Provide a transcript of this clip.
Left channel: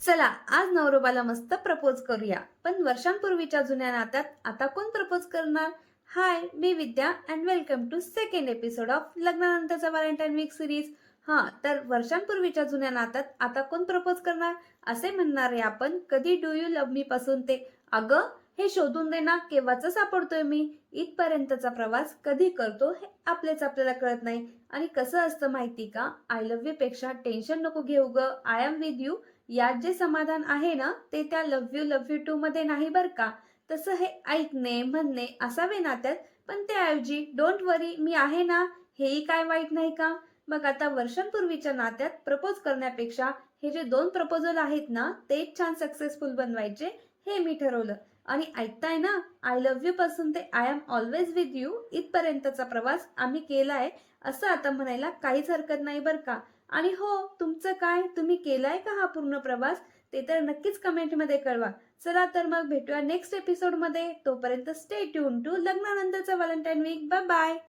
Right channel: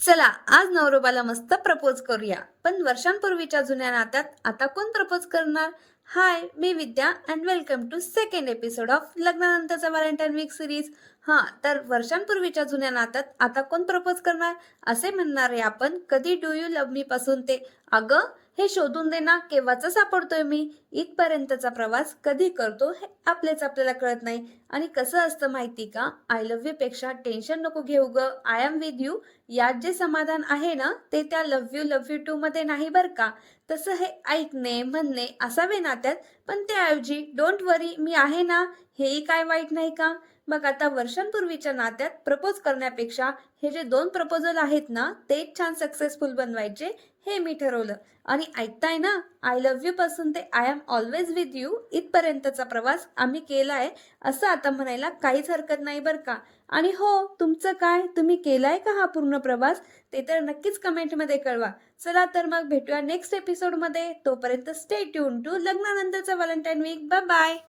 चला आज नवरोबाला मस्त प्रपोज करूया. पण वर्षांपूर्वीच्या जुन्या नात्यात आता कोण प्रपोज करणार? हाय, मी Vidya and welcome to second episode of लग्नानंतरचा व्हॅलेंटाईन वीक सिरीज. तर वर्षांपूर्वीच्या जुन्या नात्यात आता कोण प्रपोज करणार असे म्हणणारे आपण कधी डू यू लव्ह मी पासून ते अगं हे शोधून दे ना केव्हाचा सापडतोय मी इथपर्यंतचा प्रवास कधी करतो हे आपल्याला कळत नाही. आणि कसं असतं माहिती का, आय लव्ह यू पेक्षा टेन्शन नको घेऊ ग, आय एम विथ यू यात जे समाधान आहे ना ते त्या लव्ह यू टू मध्ये नाही बर का. तसं हे ऐकणे म्हणणे असावे नात्यात, पण त्याऐवजी डोंट वरी मी आहे ना हेही काय वाईट नाही का. मग आता वर्षांपूर्वीच्या नात्यात प्रपोज करण्यापेक्षा हे जे दोन प्रपोजल आहेत ना तेच छान सक्सेसफुल बनवायचे हे मी ठरवलं. आणि ऐकताय ना, आय लव्ह यू पासून ते I am always with you इथपर्यंतचा प्रवास आम्ही केलाय असं आता म्हणायला काहीच हरकत नाही बरं का. आणि हो, तुमचं काय, तुम्ही केलाय का हा पूर्ण प्रवास? ते तर नक्कीच कमेंटमध्ये कळवा. चला तर मग भेटूया नेक्स्ट एपिसोडमध्ये. तोपर्यंत स्टे ट्यून टू लग्नानंतरचा व्हॅलेंटाईन वीक. Bye bye.